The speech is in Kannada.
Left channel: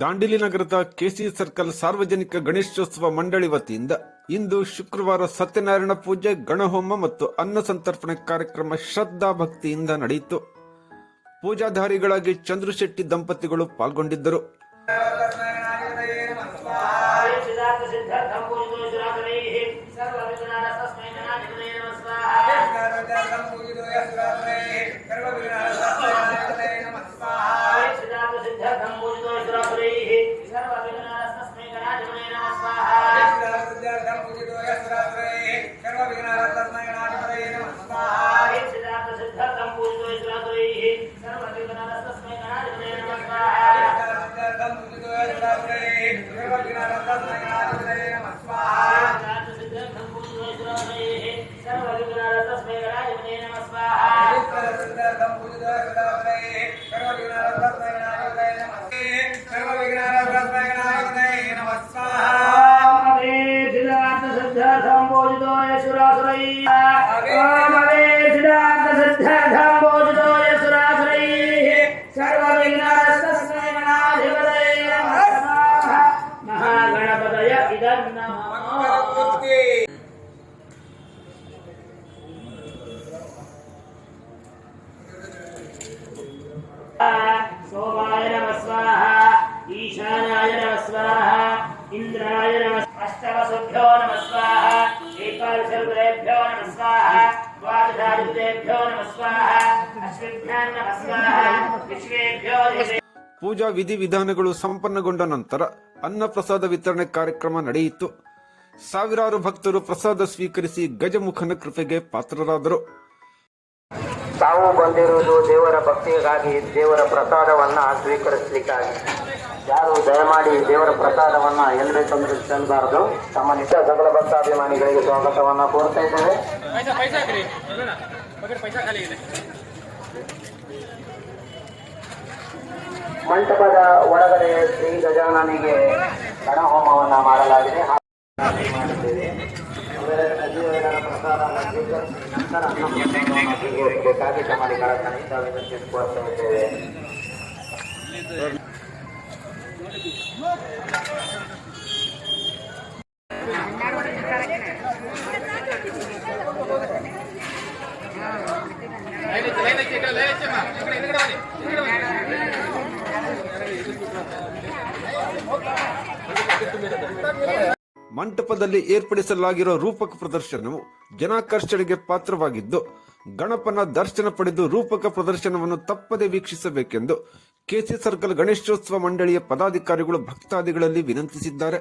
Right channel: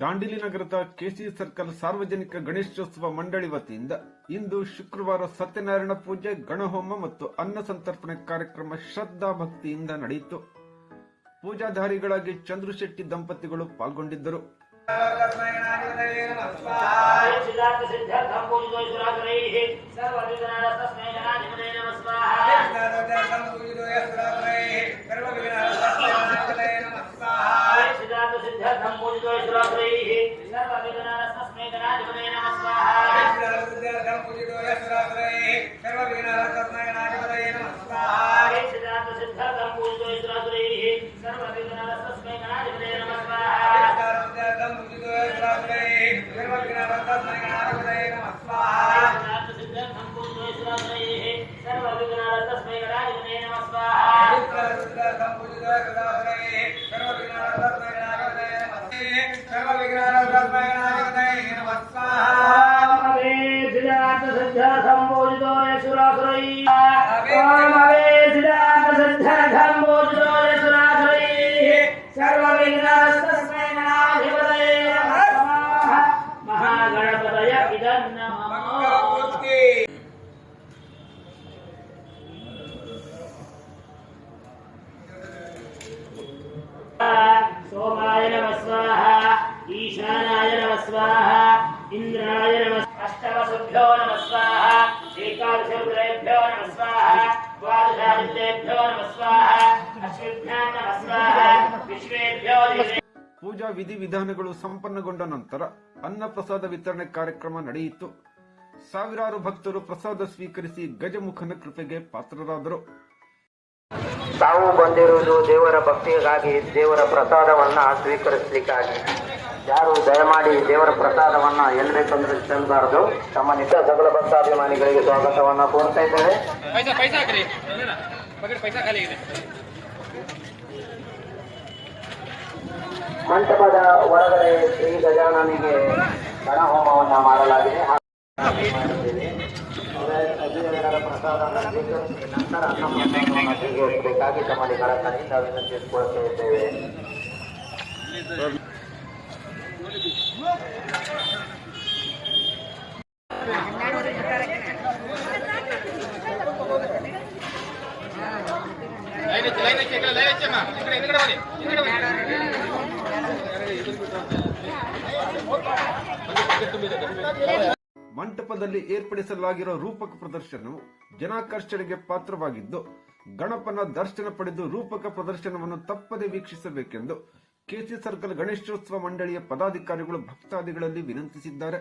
ದಾಂಡೇಲಿ ನಗರದ ಕೆಸಿ ಸರ್ಕಲ್ ಸಾರ್ವಜನಿಕ ಗಣೇಶೋತ್ಸವ ಮಂಡಳಿ ವತಿಯಿಂದ ಇಂದು ಶುಕ್ರವಾರ ಸತ್ಯನಾರಾಯಣ ಪೂಜೆ, ಗಣಹೋಮ ಮತ್ತು ಅನ್ನ ಸಂತರ್ಪಣೆ ಕಾರ್ಯಕ್ರಮ ಶ್ರದ್ಧಾ ಭಕ್ತಿಯಿಂದ ನಡೆಯಿತು. ಪೂಜಾಧಾರಿಗಳಾಗಿ ಚಂದ್ರಶೆಟ್ಟಿ ದಂಪತಿಗಳು ಪಾಲ್ಗೊಂಡಿದ್ದರು. सोमाय नमः स्वाहा, ईशानाय नमः स्वाहा, इंद्राय नमः, अष्टवसुभ्यो नमः स्वाहा, एकादशरुद्रेभ्यो नमः स्वाहा, द्वादशादित्येभ्यो नमः स्वाहा, अश्विभ्यां नमः स्वाहा, विश्वेभ्यो नमः. ಪೂಜಾ ವಿಧಿವಿಧಾನಗಳು ಸಂಪನ್ನಗೊಂಡ ನಂತರ ಅನ್ನ ಪ್ರಸಾದ ವಿತರಣೆ ಕಾರ್ಯಕ್ರಮ ನಡೆಯಿತು. ಸಾವಿರಾರು ಭಕ್ತರು ಪ್ರಸಾದ ಸ್ವೀಕರಿಸಿ ಗಜಮುಖನ ಕೃಪೆಗೆ ಪಾತ್ರರಾದರು. ತಾವು ಬಂದಿರುವುದು ದೇವರ ಭಕ್ತಿಗಾಗಿ, ದೇವರ ಪ್ರಸಾದವನ್ನ ಸ್ವೀಕರಿಸಲಿಕ್ಕಾಗಿ. ಯಾರು ದಯಮಾಡಿ ದೇವರ ಪ್ರಸಾದವನ್ನ ಎಲ್ಲಿ ಬೇಕಂದ್ರೆ ಚೆಲ್ಲಬಾರದು. ತಮ್ಮ ನಿತ್ಯ ಸಕಲ ಭಕ್ತಾಭಿಮಾನಿಗಳಿಗೆ ಸ್ವಾಗತವನ್ನ ಕೋರ್ತಾ ಇದ್ದೇವೆ. ಮಂಟಪದ ಒಳಗಡೆ ಶ್ರೀ ಗಜಾನನಿಗೆ ಗಣಹೋಮವನ್ನ ಮಾಡಲಾಗಿದೆ. ಬೇಕಾಗಿ ತಮ್ಮಲ್ಲಿ ವಿನಂತಿಸಿಕೊಳ್ಳುತ್ತೇವೆ. ಮಂಟಪದಲ್ಲಿ ಏರ್ಪಡಿಸಲಾಗಿರುವ ರೂಪಕ ಪ್ರದರ್ಶನವು ಜನಾಕರ್ಷಣೆಗೆ ಪಾತ್ರವಾಗಿದ್ದು, ಗಣಪನ ದರ್ಶನ ಪಡೆದು ರೂಪಕ ಪ್ರದರ್ಶನವನ್ನು ತಪ್ಪದೆ ವೀಕ್ಷಿಸಬೇಕೆಂದು ಕೆಸಿ ಸರ್ಕಲ್ ಗಣೇಶೋತ್ಸವ ಮಂಡಳಿಯ ಪದಾಧಿಕಾರಿಗಳು ಭಕ್ತಾದಿಗಳಲ್ಲಿ ವಿನಂತಿಸಿದ್ದಾರೆ.